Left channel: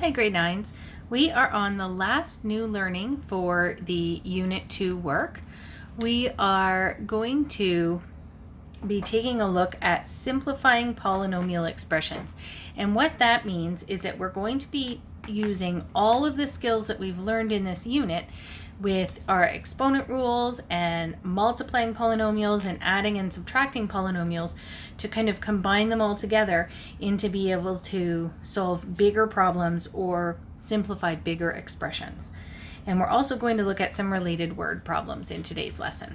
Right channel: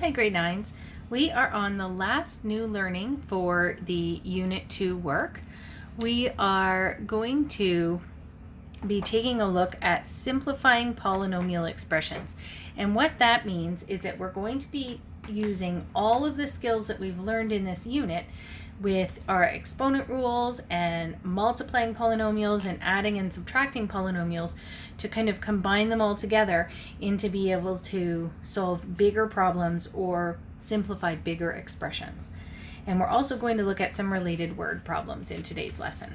Hi grade 9s. We are on the last new learning for the Unit 2 work. We are going to be taking a look at simplifying polynomial expressions. And what that means is that we're going to be using all of the skills that we've learned in this unit with our exponent rules and multiplying polynomials and adding and subtracting polynomials to kind of combine them all together and to be able to solve bigger problems or simplify bigger expressions. And we're also going to look at some related word problems in today's lesson.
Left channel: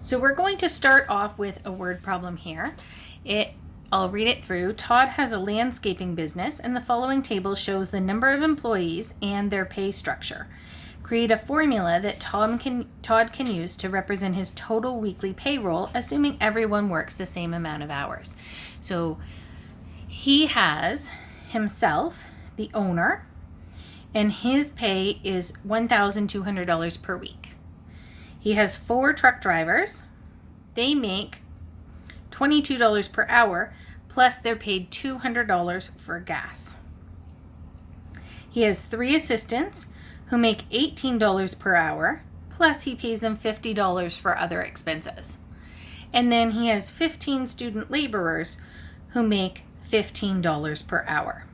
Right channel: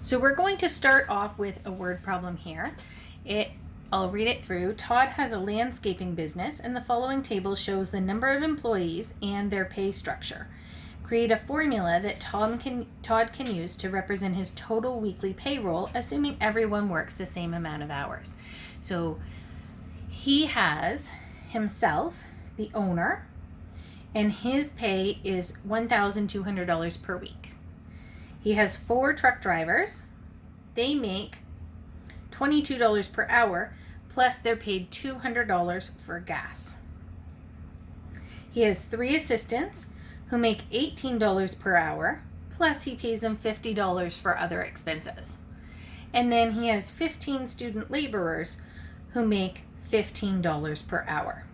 So we're going to start off with a word problem here. I'll read it through. Todd has a landscaping business, and the following table shows the number of employees and their pay structure. Create a formula that Todd can use to represent his total weekly payroll, assuming everyone works the same amount of hours. So he has himself, the owner, and his pay is $1,200 per week. He has 4 truck drivers. They make $22 per hour, plus they're paid $200 for gas. He has 3 assistants who make $18 per hour, plus he pays them $50 for other expenses. And then he has 15 student laborers who make $15 per hour.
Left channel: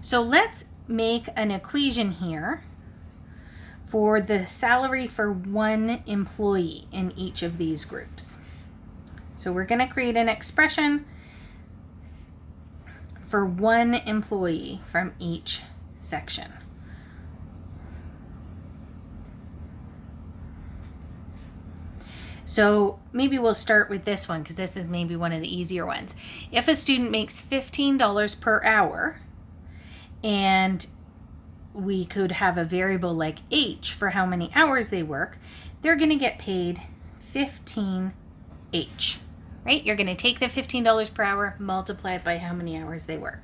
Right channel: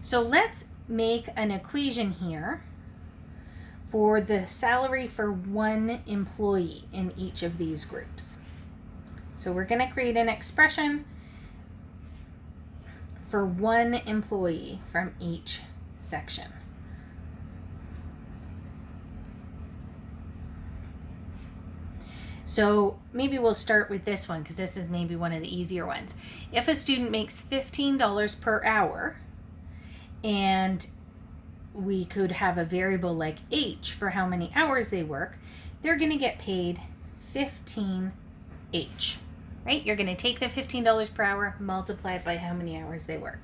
So let's make an equation here for the salary for one employee in each of these groups. So we're going to create an expression for one employee from each section. So maybe we'll start with this one because this is maybe one of the easier ones. If a student makes $15 per hour and we could have a variable like H for how many hours they work, they're going to get paid 15H. Right? You're going to take the $15 per hour, multiply it by how many hours they work.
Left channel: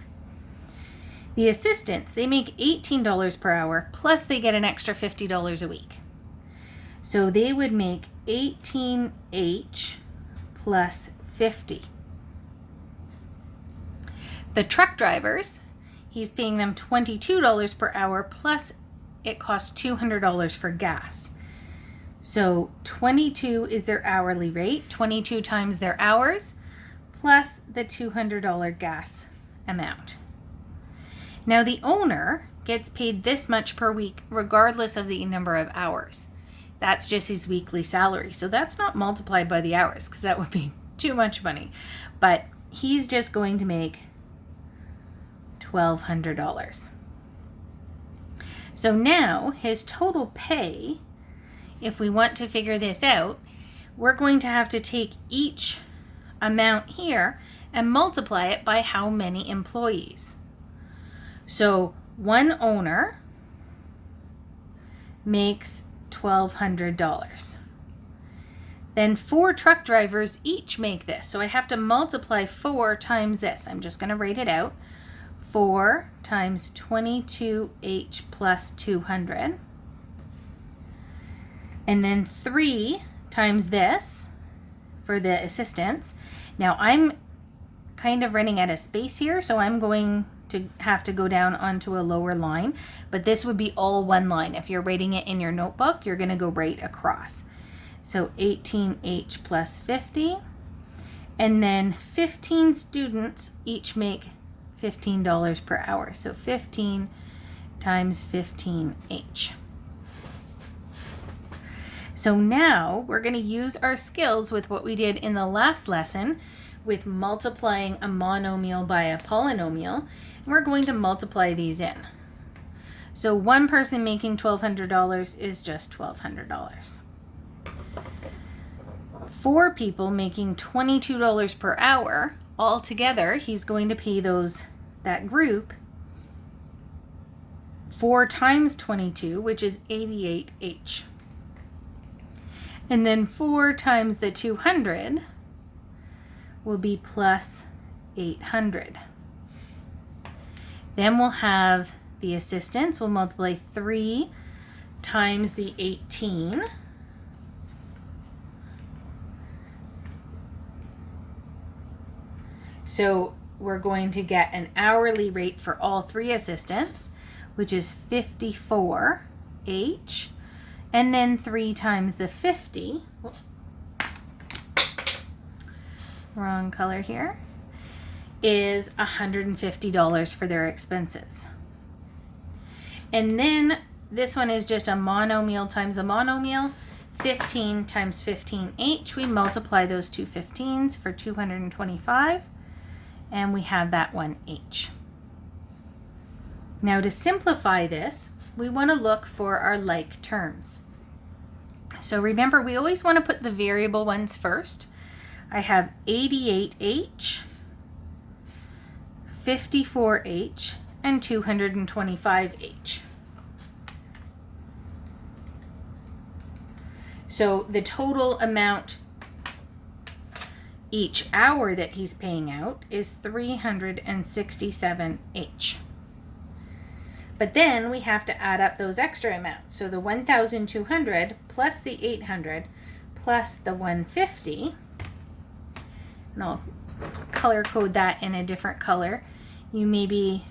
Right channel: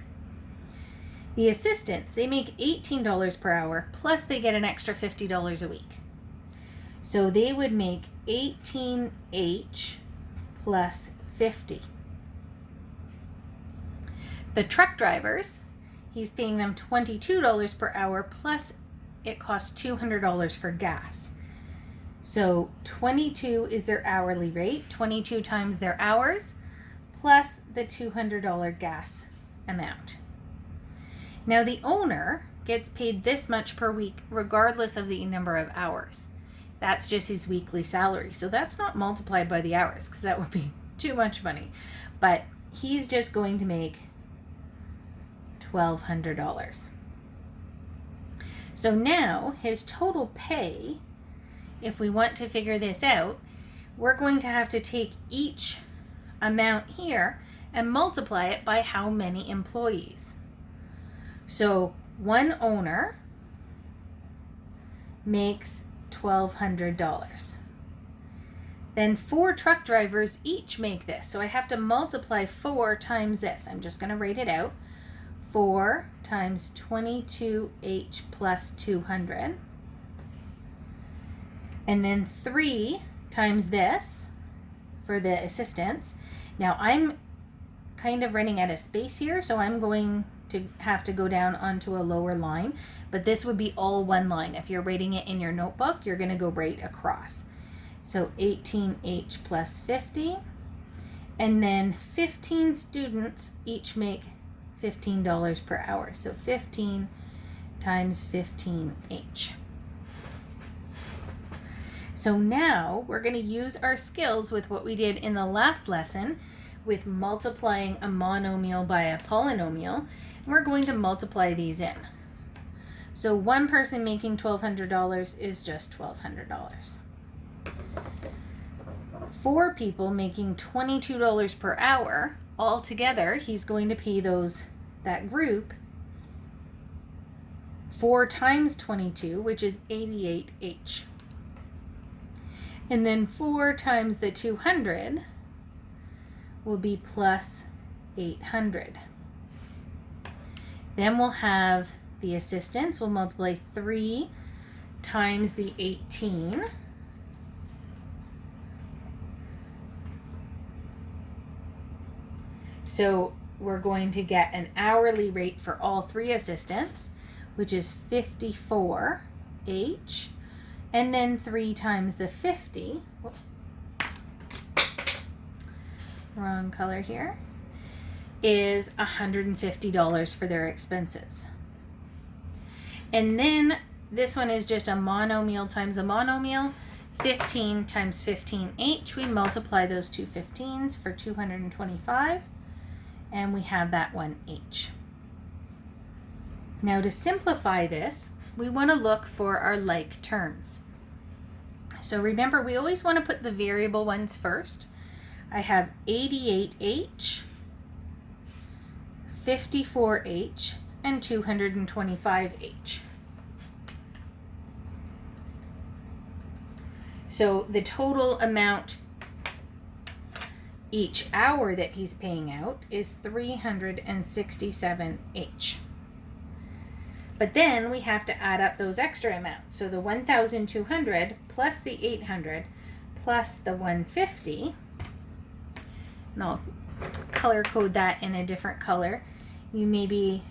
The assistants, they make $18 per hour, plus they get an extra $50 a week. So they would make 18H plus 50. The truck drivers, he's paying them $22 per hour, plus it costs $200 for gas. So 22 is their hourly rate, 22 times their hours, plus the $200 gas amount. Now the owner gets paid this much per week, regardless of the number of hours. That's just his weekly salary. So that's not multiplied by the hours, because that would be too much money. But he's just going to make $1,200. So now his total pay, if we want to figure this out, we're going to have to take each amount here and multiply it by how many employees. So one owner makes $1,200. Then 4 truck drivers each make this. So I have to multiply 4 times this. I'm just going to write it out. 4 times 22H plus 200. And then 3 times this for the assistants. Now I'm kind of running out of space here, so I'm going to have to go down onto a lower line, but this would be all one line. If you're writing it in your notebook, you're going to go right across. So 18H plus 50, and then 15 students each make $15 per hour. So 15 times 15H. So now we're going to use our skills with what we did in the last lesson with multiplying a monomial by a polynomial. And we're going to multiply these in. So one person making $1,200 is just $1,200. 4 people making $22 per hour, all together he's going to pay that group 4 times 22, which is 88H. And then 4 times the 200 will be plus 800. Then we'll have the assistants. We'll multiply 3 times the 18. So we're going to get an hourly rate for all 3 assistants, which is 54H, and then 3 times the 50, wrong color here, is $150 for their expenses. And then this one is just a monomeal times a monomeal. 15 times 15H, we multiply those two 15s for 225, and we have that one H. Now to simplify this, we want to look for our like terms. So remember, we always want to put the variable ones first. I have 88H, 54H, and 225H. So the total amount each hour that he's paying out is 367H. But then we have to add up those extra amounts. So the 1,200 plus the 800 plus the 150, and I'll color code that in a different color. You maybe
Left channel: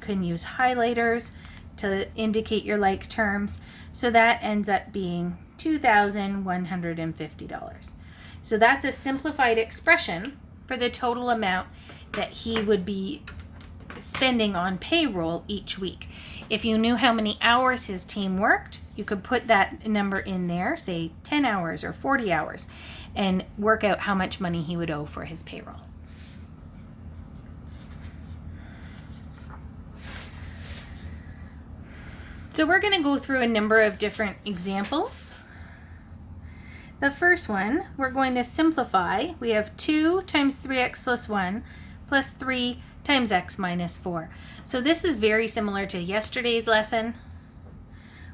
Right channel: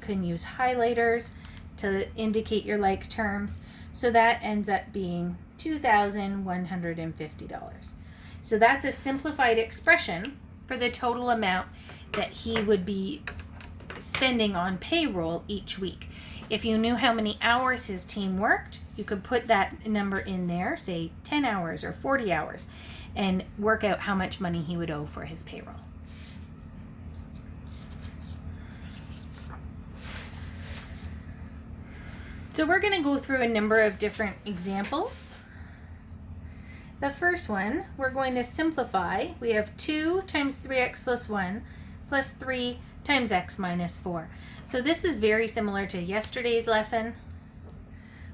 can use highlighters to indicate your like terms. So that ends up being $2,150. So that's a simplified expression for the total amount that he would be spending on payroll each week. If you knew how many hours his team worked, you could put that number in there, say 10 hours or 40 hours, and work out how much money he would owe for his payroll. So we're going to go through a number of different examples. The first one, we're going to simplify. We have 2 times 3x plus 1 plus 3 times x minus 4. So this is very similar to yesterday's lesson.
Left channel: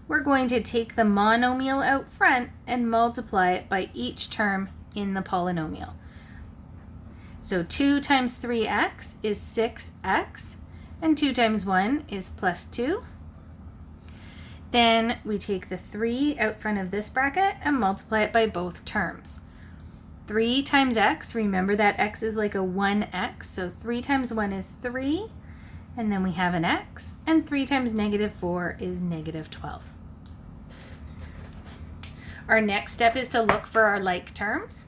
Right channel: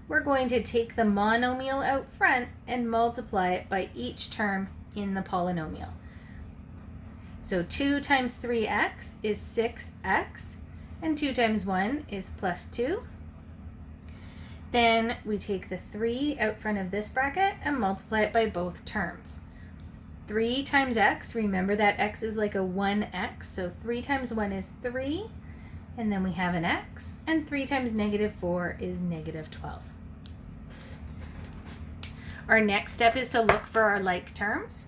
We're going to take the monomial out front and multiply it by each term in the polynomial. So 2 times 3x is 6x, and 2 times 1 is plus 2. Then we take the 3 out front of this bracket and multiply it by both terms. 3 times x, remember that x is like a 1x, so 3 times 1 is 3, and then we have an x, and 3 times negative 4 is negative 12. Our next step is to look for our like terms.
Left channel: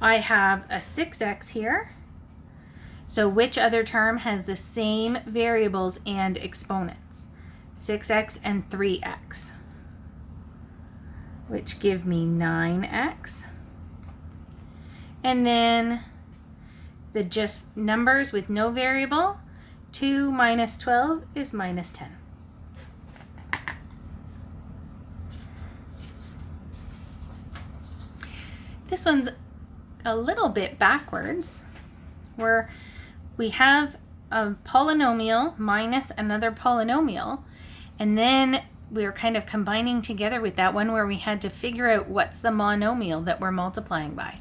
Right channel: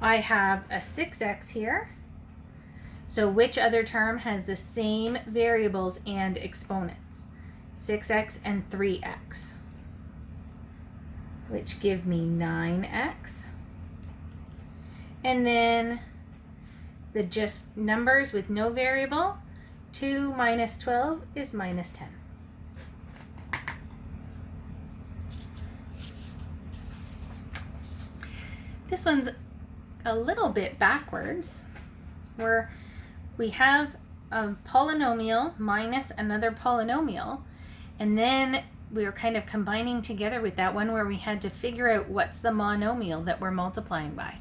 I have a 6x here. So which other term has the same variables and exponents? 6x and 3x, which give me 9x. And then the just numbers with no variable, 2 minus 12 is minus 10. This one's a little bit backwards, where we have a polynomial minus another polynomial, and then we're kind of combining together with that one where we had to figure out what's the monomial that we're multiplying by.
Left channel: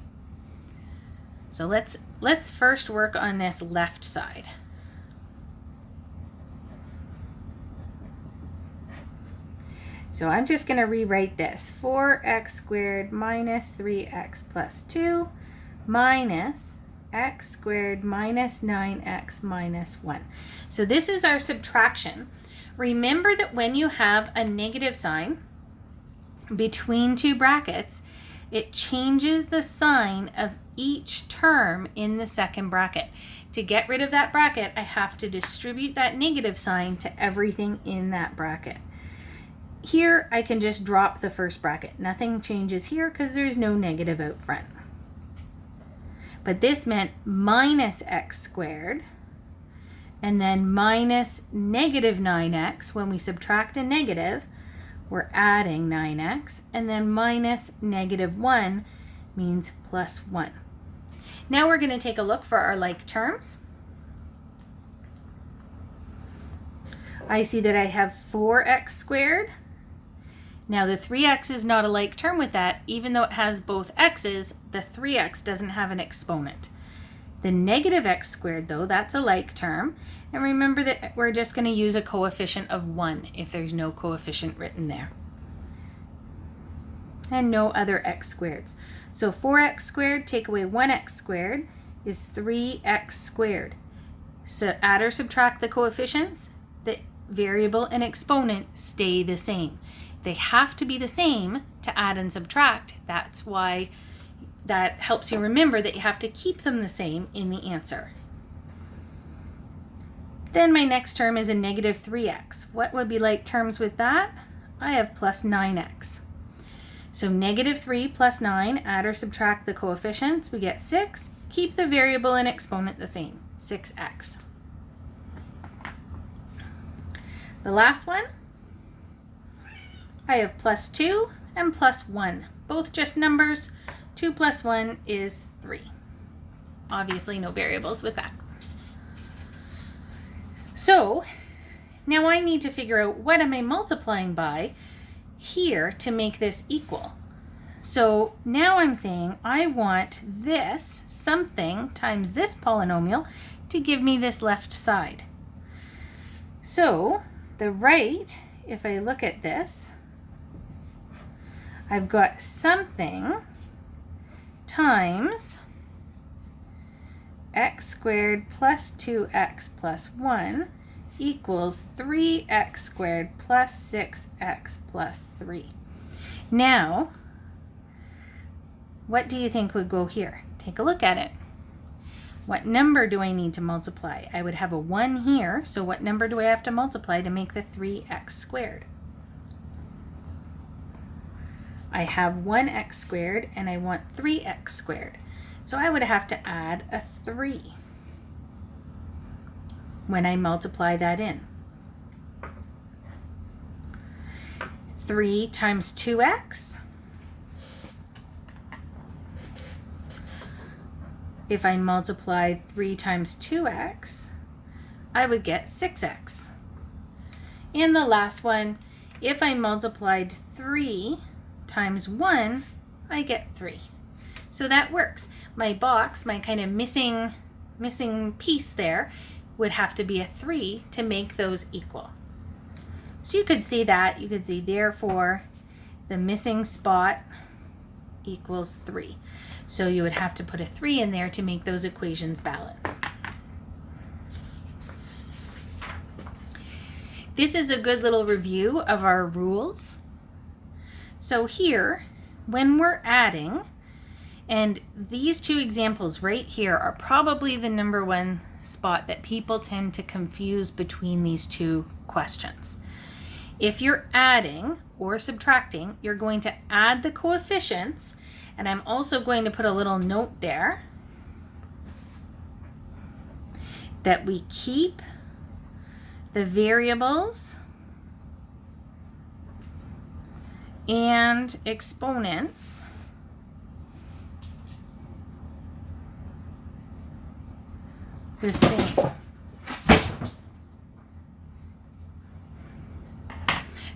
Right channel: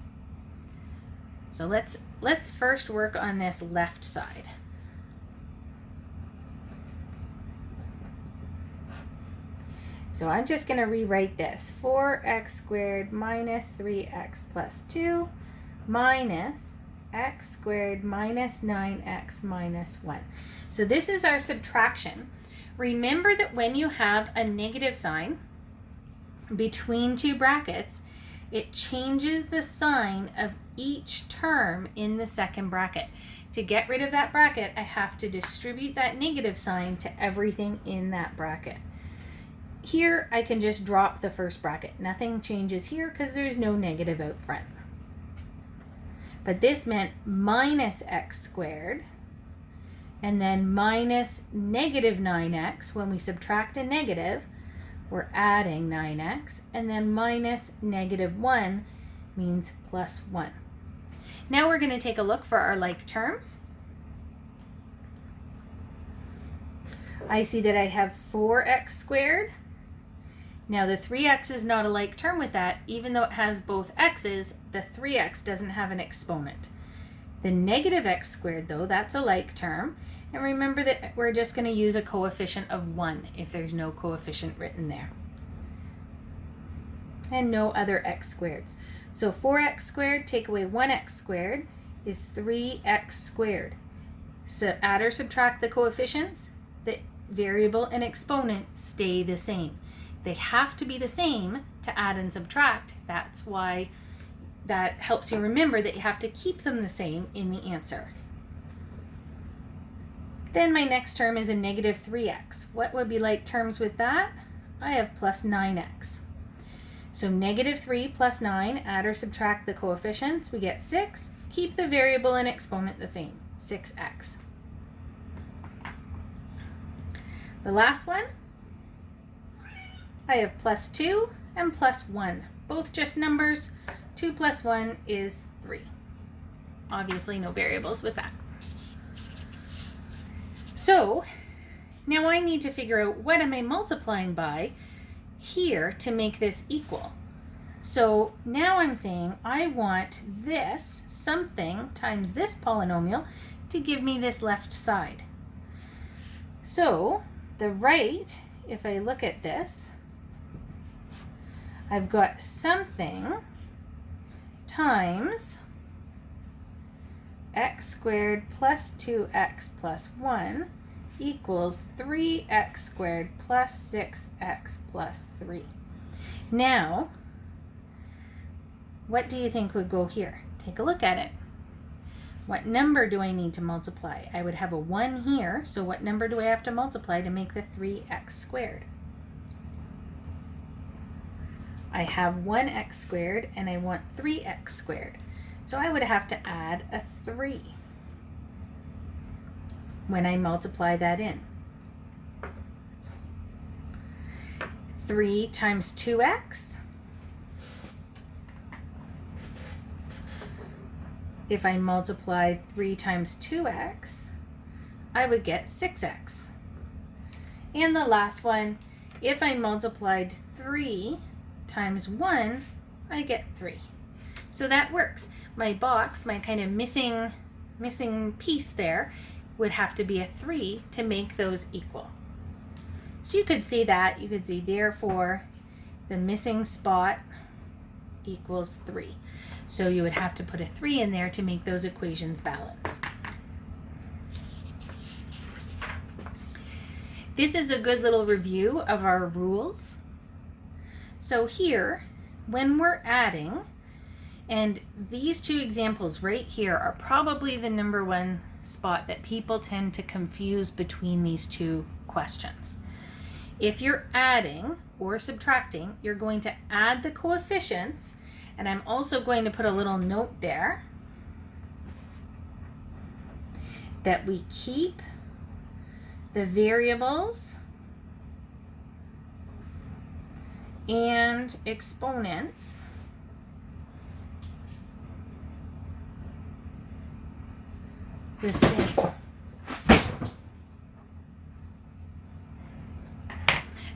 So let's first work on this left side. So I'm just going to rewrite this. 4x squared minus 3x plus 2 minus x squared minus 9x minus 1. So this is our subtraction. Remember that when you have a negative sign between two brackets, it changes the sign of each term in the second bracket. To get rid of that bracket, I have to distribute that negative sign to everything in that bracket. Here, I can just drop the first bracket. Nothing changes here because there's no negative out front. But this meant minus x squared, and then minus negative 9x. When we subtract a negative, we're adding 9x, and then minus negative 1 means plus 1. Now we're going to take a look for our like terms. I see that I have 4x squared. Now the 3x is not a like term with that. Even though it has both x's, the 3x doesn't have an exponent. The negative x squared, though, that's a like term. And remember that we're just going to use a coefficient of 1 if there's no coefficient written there. And no other x squareds. So 4x squared, take away 1x squared, is 3x squared. So add or subtract the coefficients, the variable and exponent stay the same. They have to be the same to add and subtract. That's why that helps you remember that you have to keep them the same in the answer. Then my next term is a negative 3x. What would be like terms with that? I have plus 9x. So negative 3 plus 9, add or subtract the coefficients, we get 6. Keep the variable and exponent the same, 6x. The last one, I have plus 2 and plus 1. Both just numbers. 2 plus 1 is 3. Obviously no variables with that. So now I need to figure out what am I multiplying by here to make this equal. So now I'm saying I want this something times this polynomial to give me this left side. So the right, if I look at this, I've got something times x squared plus 2x plus 1 equals 3x squared plus 6x plus 3. Now, what do you think would go here? Take a look at it. What number do I need to multiply? I would have a 1 here, so what number do I have to multiply to make the 3x squared? I have 1x squared and I want 3x squared. So I would have to add a 3 when I multiply that in. 3 times 2x. If I multiplied 3 times 2x, I would get 6x. And the last one, if I multiplied 3 times 1, I get 3. So that works. My box, my kind of missing piece there, would have to be a 3 to make those equal. So you could see that. You could see therefore the missing spot equals 3. So you would have to put a 3 in there to make those equations balance. This is a good little review of our rules. So here, when we're adding, and these two examples right here are probably the number one spot that people tend to confuse between these two questions. If you're adding or subtracting, you're going to add the coefficients, and I'm also going to put a little note there that we keep the variables and exponents the same.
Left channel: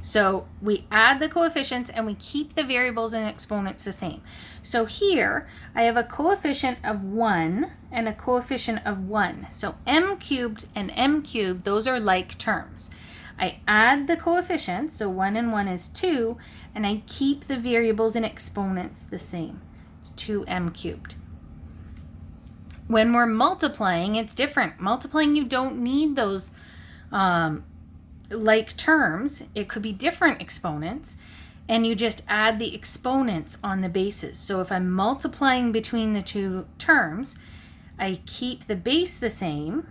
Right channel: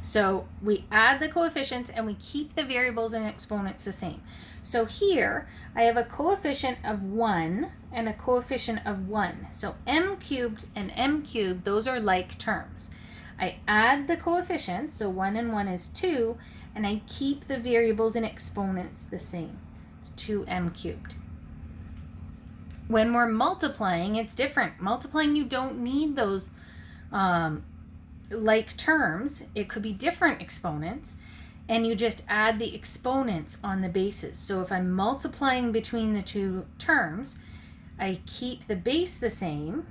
So we add the coefficients and we keep the variables and exponents the same. So here I have a coefficient of 1 and a coefficient of 1. So m cubed and m cubed, those are like terms. I add the coefficients, so 1 and 1 is 2, and I keep the variables and exponents the same. It's 2m cubed. When we're multiplying, it's different. Multiplying, you don't need those like terms. It could be different exponents, and you just add the exponents on the bases. So if I'm multiplying between the two terms, I keep the base the same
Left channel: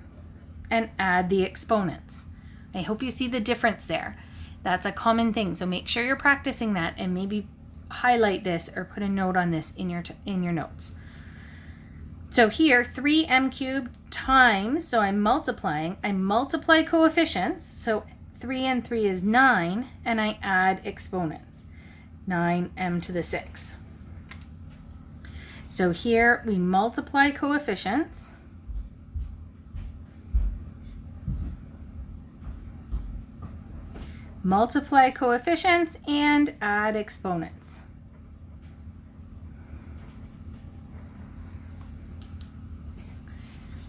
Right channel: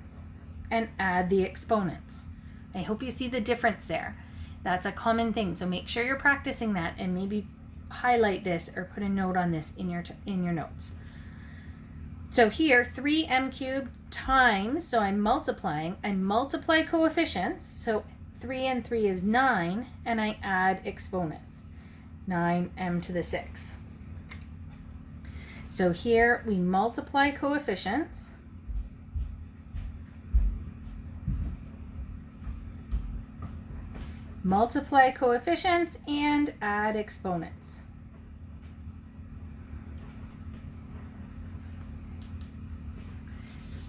and add the exponents. I hope you see the difference there. That's a common thing, so make sure you're practicing that and maybe highlight this or put a note on this in your notes. So here, 3m cubed times, so I'm multiplying. I multiply coefficients, so 3 and 3 is 9, and I add exponents, 9m to the 6. So here we multiply coefficients, and add exponents.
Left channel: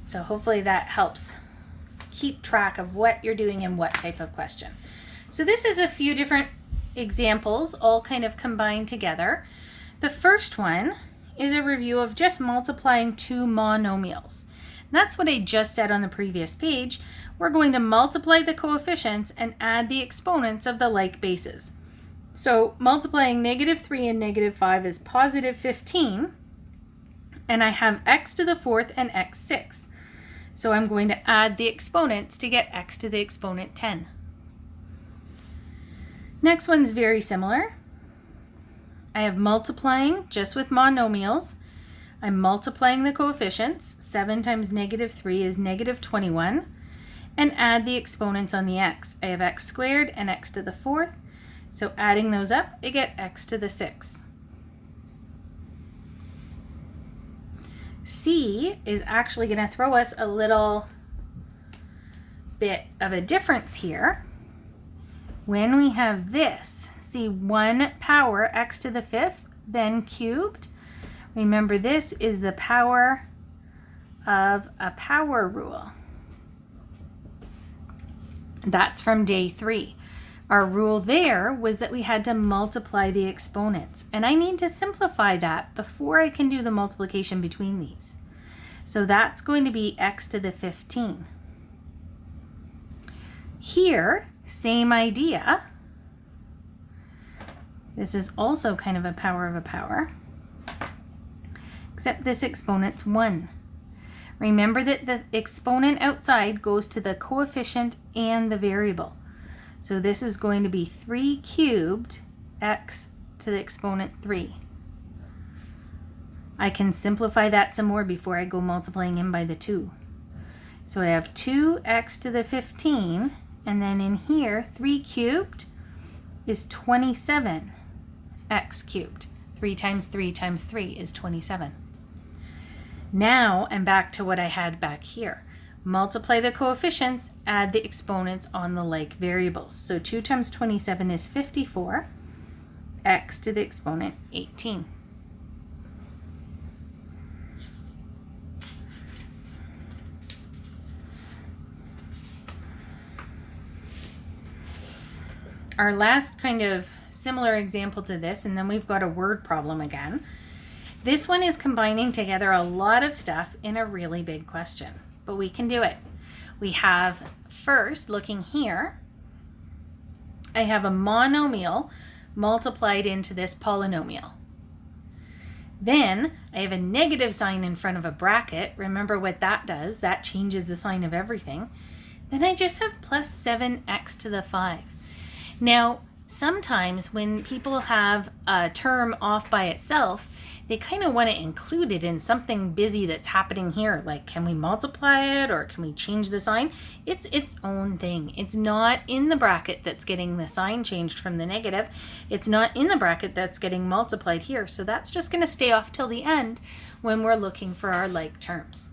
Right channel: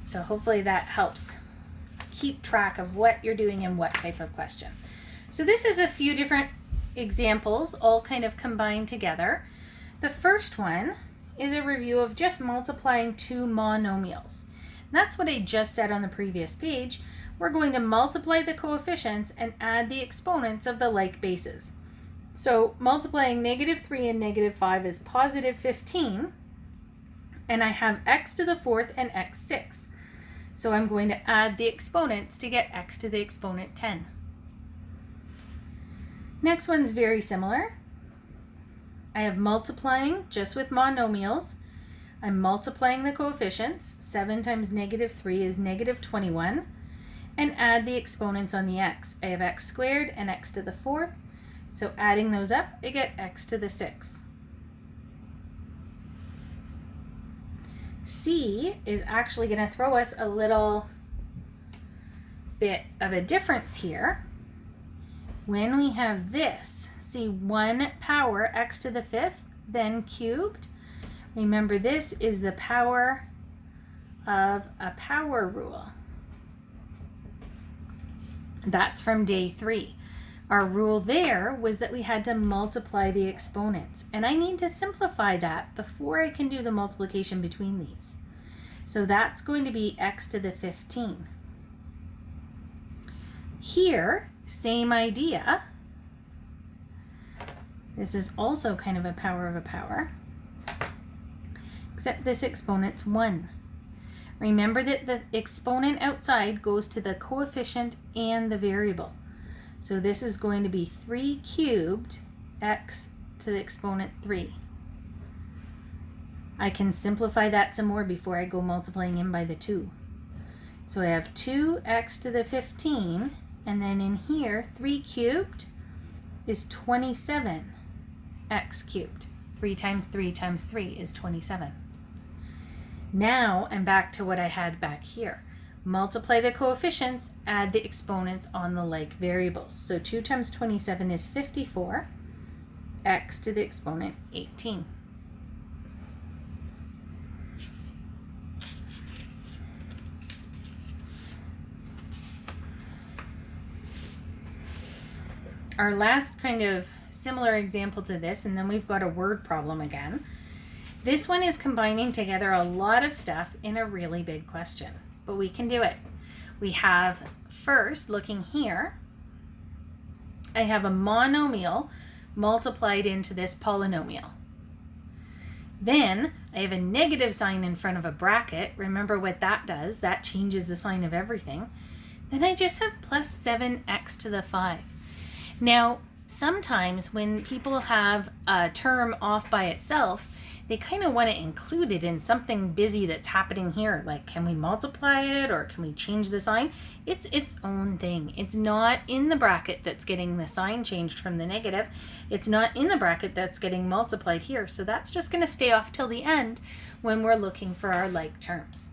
So hopefully that helps keep track of what you're doing and what type of question. So this is a few different examples all kind of combined together. The first one is a review of just multiplying two monomials. That's what I just said on the previous page. We're going to multiply the coefficients and add the exponents of the like bases. So multiplying -3 and -5 is +15, and I have x to the 4th and x 6th. So I'm going to add the exponents to get x to the exponent 10. Next one's very similar. I have multiplying just with monomials. I'm multiplying the coefficients. 7 times -3 is -21. And add the exponents on the x. I have x squared and x to the 4th. So adding those up, I get x to the 6th. C is actually going to throw us a little bit of a difference here. When we have this, see 1 power x to the 5th, then cubed. Remember, this is the power of a power rule. That's from day 3. Our rule there was that we had to multiply the exponents, and I need to simplify that before I can do the multiplication between these. So that's going to be x to the 15. Here, same idea. This is also kind of a power of a power, except this exponent's 1. Remember that the exponent outside goes to the coefficient and the variable. So this is going to be 3 cubed x to the exponent 3. I can simplify that some more before I go multiplying in by the 2. So I have 2x to the 15, and then in here, 3 cubed is 27 x cubed. 3 times 3 times 3 is 27. Now I'm back to what I had back here. Multiply the coefficients, add the exponents on the like variables. So 2 times 27 is 54, x to the exponent 18. Our last kind of similar example to this, and then we've got a word problem again. This one is combining together a lot of stuff in a really big question, but we can do it. We have, first, looking here, I have a monomial multiplied into this polynomial. Then I have a negative sign in front of a bracket. Remember what that does. That changes the sign of everything. Then I just have plus 7x to the 5. Now, sometimes when people have a term off by itself, they kind of want to include it in something busy that's happening here. Like, can we multiply it, or can we change the sign? It's its own thing. It's not in the bracket that's getting the sign changed from the negative. It's not in the bracket that's getting multiplied here. So that's just going to stay off till the end when we're looking for our like terms.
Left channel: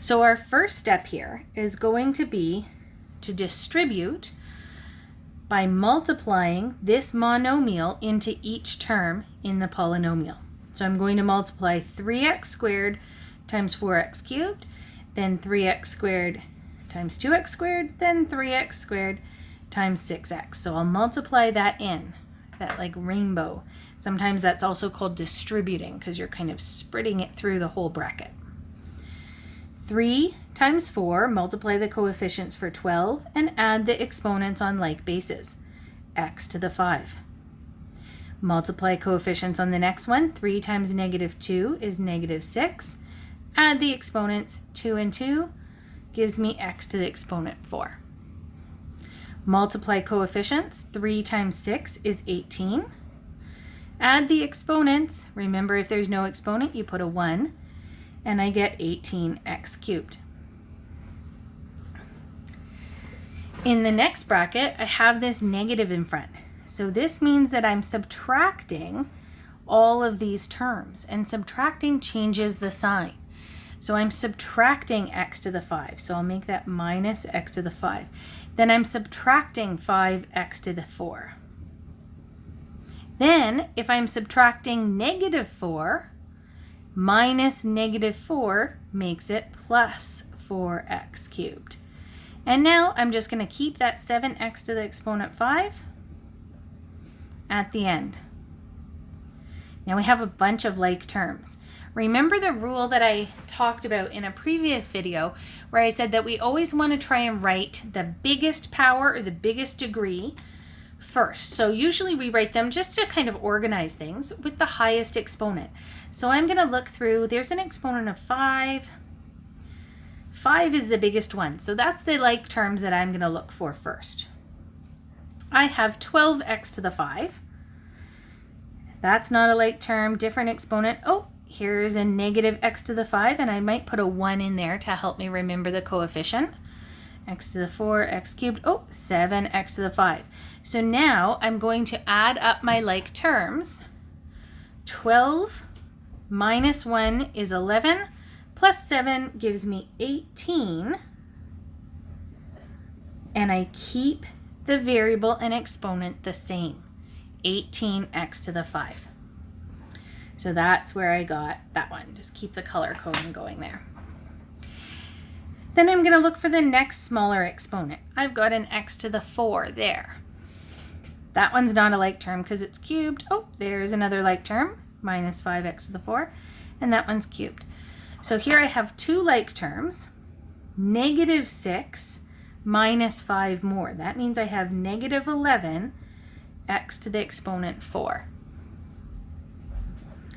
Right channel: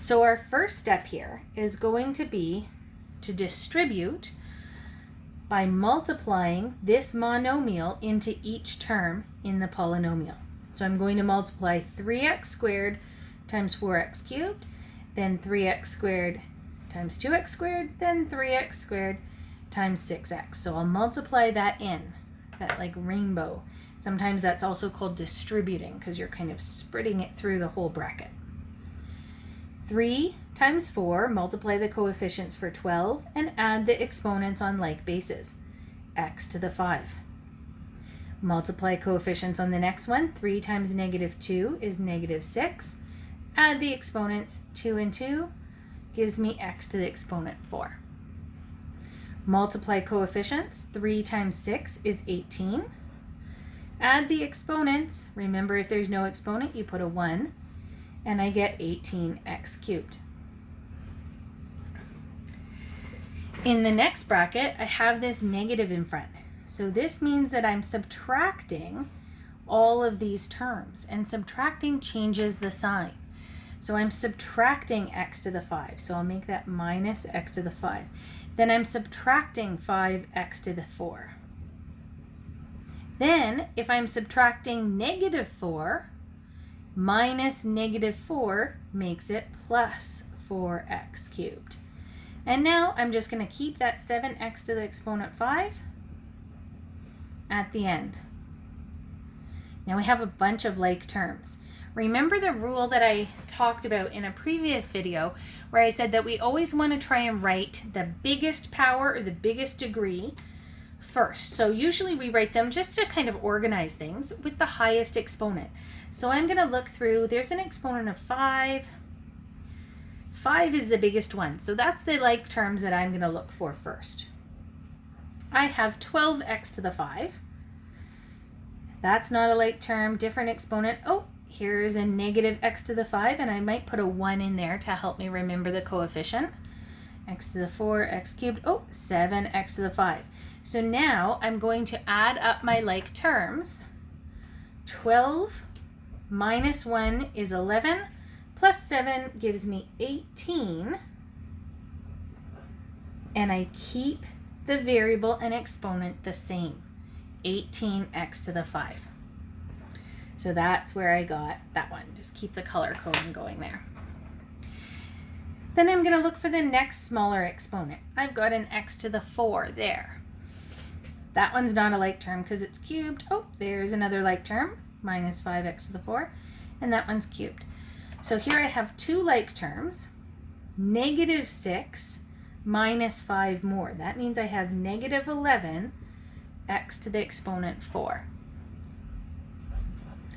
So our first step here is going to be to distribute by multiplying this monomial into each term in the polynomial. So I'm going to multiply 3x squared times 4x cubed, then 3x squared times 2x squared, then 3x squared times 6x. So I'll multiply that in, that like rainbow. Sometimes that's also called distributing because you're kind of spreading it through the whole bracket. 3 times 4, multiply the coefficients for 12 and add the exponents on like bases, x to the 5. Multiply coefficients on the next one. 3 times -2 is -6. Add the exponents, 2 and 2 gives me x to the exponent 4. Multiply coefficients. 3 times 6 is 18. Add the exponents. Remember, if there's no exponent, you put a 1. And I get 18x cubed. In the next bracket, I have this negative in front. So this means that I'm subtracting all of these terms, and subtracting changes the sign. So I'm subtracting x to the 5. So I'll make that minus x to the 5. Then I'm subtracting 5x to the 4. Then if I'm subtracting -4, minus -4 makes it plus 4x cubed. And now I'm just going to keep that 7x to the exponent 5 at the end. Now we have a bunch of like terms. Remember the rule that I talked about in a previous video where I said that we always want to try and write the biggest power or the biggest degree first. So usually we write them just to kind of organize things with the highest exponent. So I'm going to look through, there's an exponent of 5. 5 is the biggest one. So that's the like terms that I'm going to look for first. I have 12x to the 5. That's not a like term, different exponent. Oh, here's a negative x to the 5, and I might put a 1 in there to help me remember the coefficient. X to the 4, x cubed, 7x to the 5. So now I'm going to add up my like terms. 12 minus 1 is 11, plus 7 gives me 18, and I keep the variable and exponent the same, 18x to the 5. So that's where I got that one. Just keep the color coding going there. Then I'm going to look for the next smaller exponent. I've got an x to the 4 there. That one's not a like term because it's cubed. Oh, there's another like term, minus 5x to the 4, and that one's cubed. So here I have two like terms, negative 6 minus 5 more. That means I have negative 11 x to the exponent 4.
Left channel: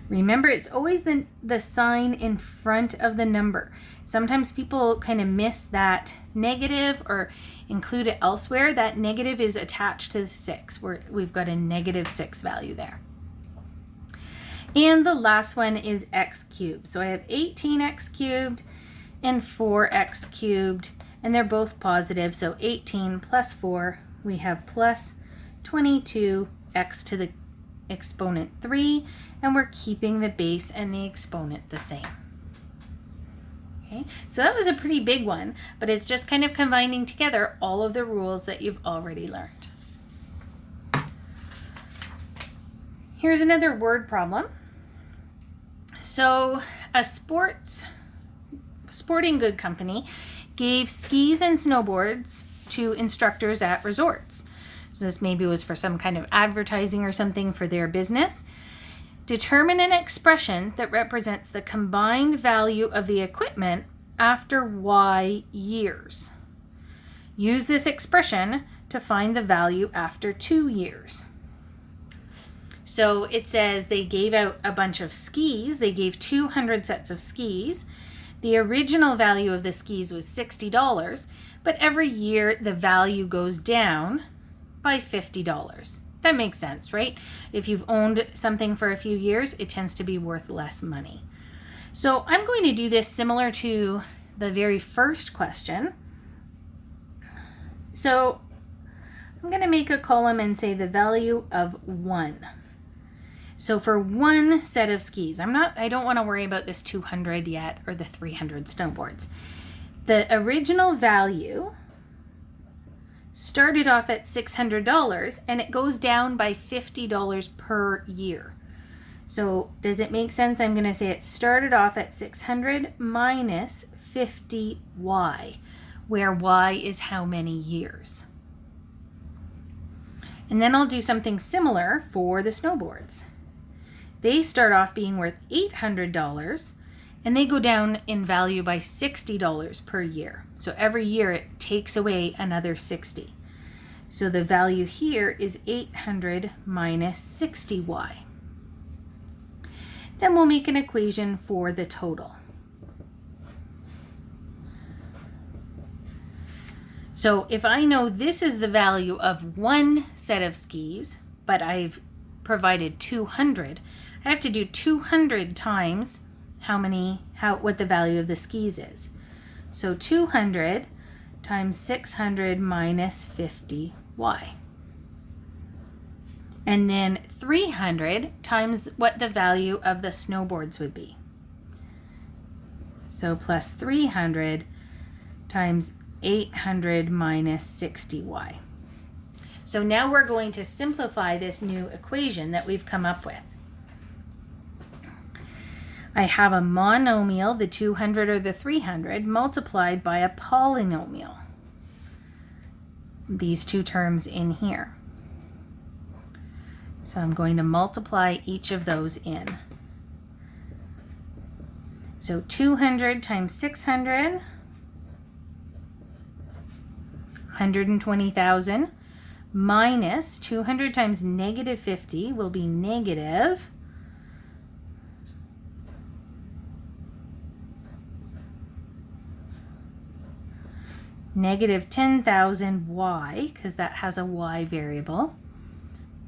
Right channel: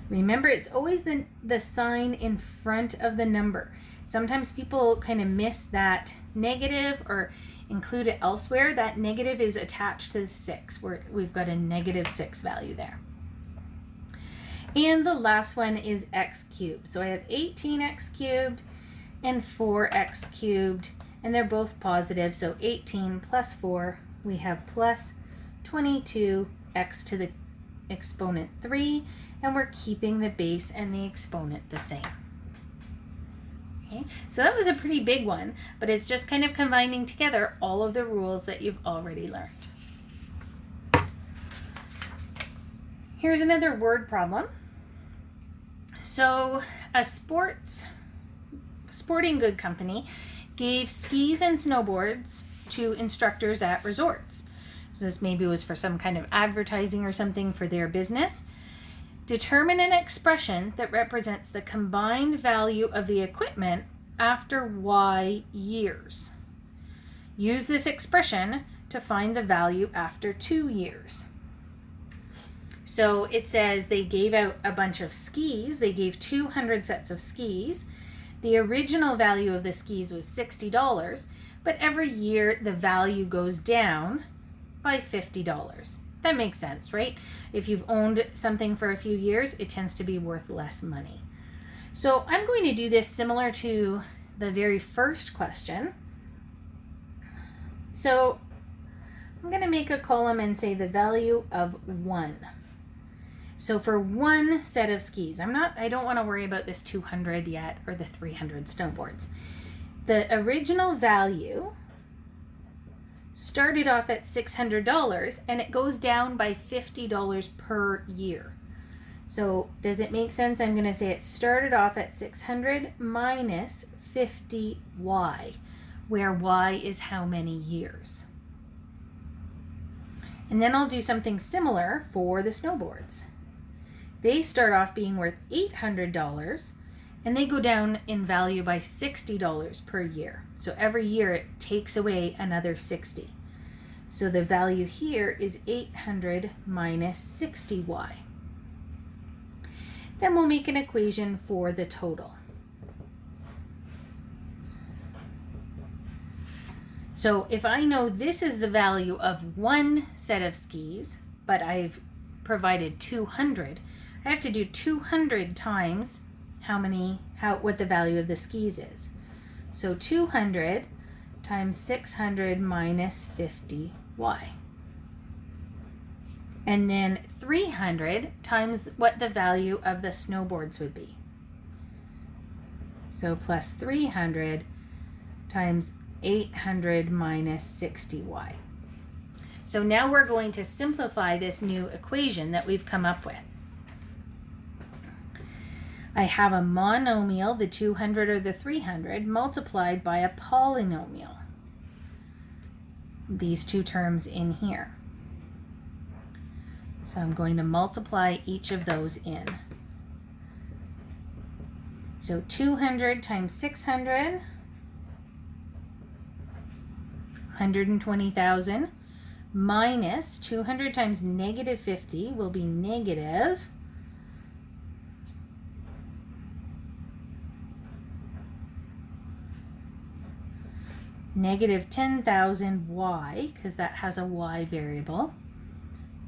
Remember, it's always the sign in front of the number. Sometimes people kind of miss that negative or include it elsewhere. That negative is attached to the 6, where we've got a negative 6 value there. And the last one is x cubed. So I have 18x cubed and 4x cubed, and they're both positive. So 18 plus 4, we have plus 22x to the exponent 3, and we're keeping the base and the exponent the same. Okay, so that was a pretty big one, but it's just kind of combining together all of the rules that you've already learned. Here's another word problem. So a sporting good company gave skis and snowboards to instructors at resorts. So this maybe was for some kind of advertising or something for their business. Determine an expression that represents the combined value of the equipment after Y years. Use this expression to find the value after 2 years. So it says they gave out a bunch of skis. They gave 200 sets of skis. The original value of the skis was $60, but every year the value goes down by $50. That makes sense, right? If you've owned something for a few years, it tends to be worth less money. So I'm going to do this similar to the very first question. So I'm going to make a column and say the value of 1. So for one set of skis, I don't want to worry about this 200 yet or the 300 snowboards. The original value started off at $600 and it goes down by $50 per year. So does it make sense? I'm going to say it started off at 600 minus 50y, where y is how many years. And then I'll do something similar for the snowboards. They start off being worth $800 and they go down in value by $60 per year. So every year it takes away another 60. So the value here is 800 minus 60y. Then we'll make an equation for the total. So if I know this is the value of one set of skis, but I've provided 200, I have to do 200 times what the value of the skis is. So 200 times 600 minus 50y. And then 300 times what the value of the snowboards would be. So plus 300 times 800 minus 60y. So now we're going to simplify this new equation that we've come up with. I have a monomial, the 200 or the 300, multiplied by a polynomial. These two terms in here. So I'm going to multiply each of those in. So 200 times 600, 120,000, minus 200 times negative 50 will be negative negative 10,000 y, because that has a y variable,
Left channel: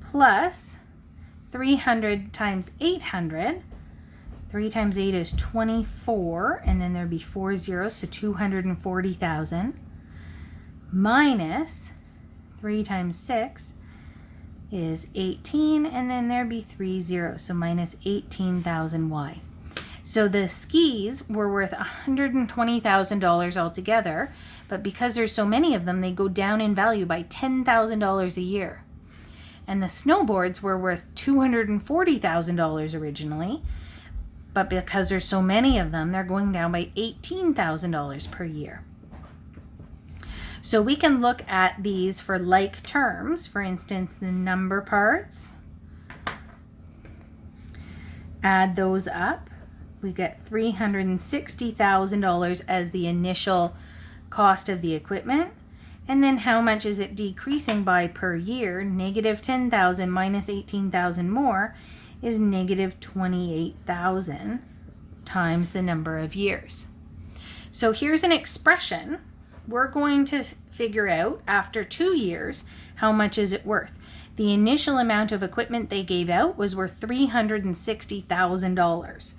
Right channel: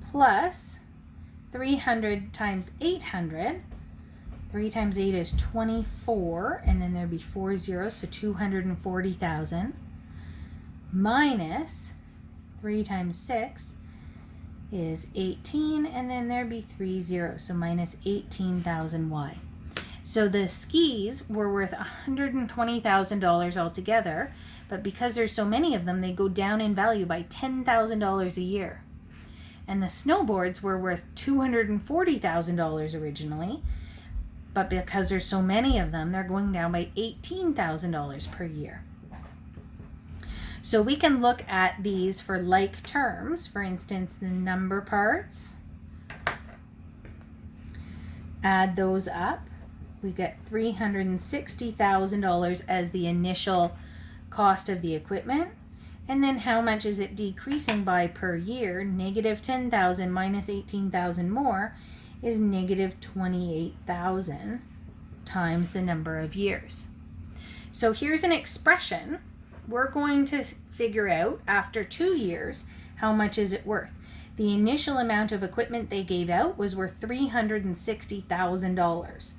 plus 300 times 800. 3 times 8 is 24, and then there'd be 4 zeros, so 240,000, minus 3 times 6 is 18, and then there'd be 3 zeros, so minus 18,000 y. So the skis were worth $120,000 altogether, but because there's so many of them, they go down in value by $10,000 a year. And the snowboards were worth $240,000 originally, but because there's so many of them, they're going down by $18,000 per year. So we can look at these for like terms. For instance, the number parts, add those up. We get $360,000 as the initial cost of the equipment. And then how much is it decreasing by per year? Negative 10,000 minus 18,000 more is negative 28,000 times the number of years. So here's an expression. We're going to figure out after 2 years, how much is it worth? The initial amount of equipment they gave out was worth $360,000.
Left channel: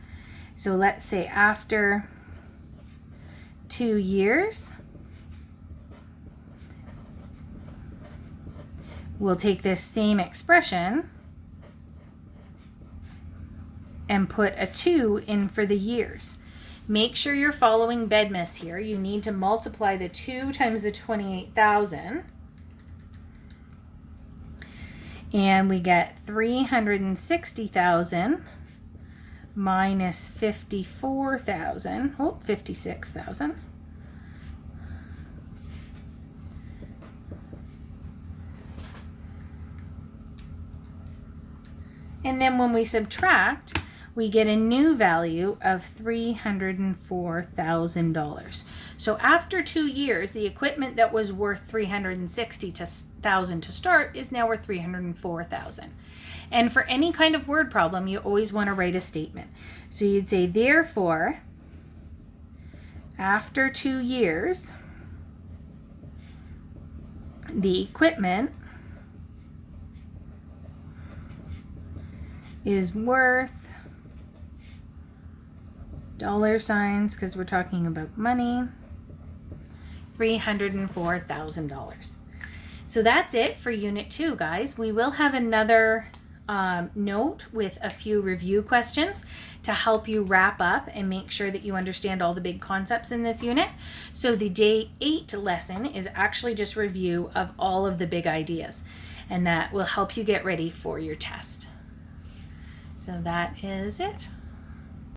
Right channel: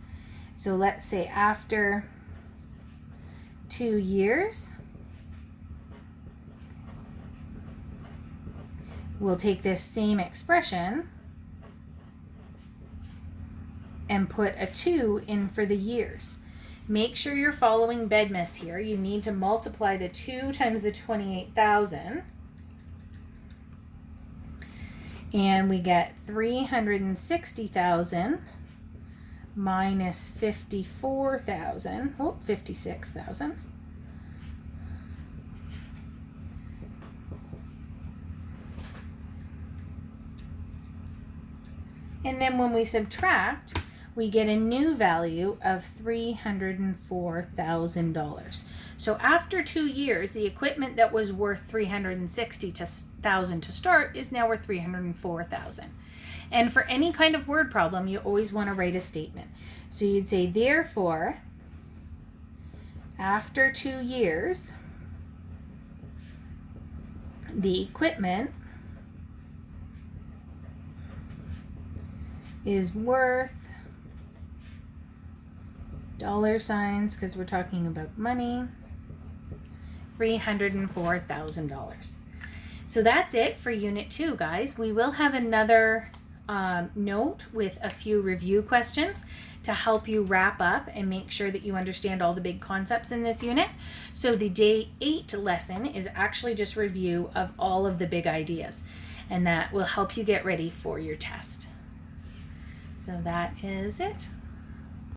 So let's say after 2 years, we'll take this same expression and put a 2 in for the years. Make sure you're following BEDMAS here. You need to multiply the 2 times the 28,000. And we get 360,000 minus 54,000. Oh, 56,000. And then when we subtract, we get a new value of $304,000. So after 2 years, the equipment that was worth $360,000 to start is now worth $304,000. And for any kind of word problem, you always want to write a statement. So you'd say, therefore, after 2 years, the equipment is worth dollar signs, because we're talking about money, $304,000. So that's it for Unit 2, guys. We will have another note with a few review questions to help you wrap up and make sure that you understand all the big concepts in this unit. So the Day 8 lesson is actually just review of all of the big ideas, and that will help you get ready for your test. So that is it.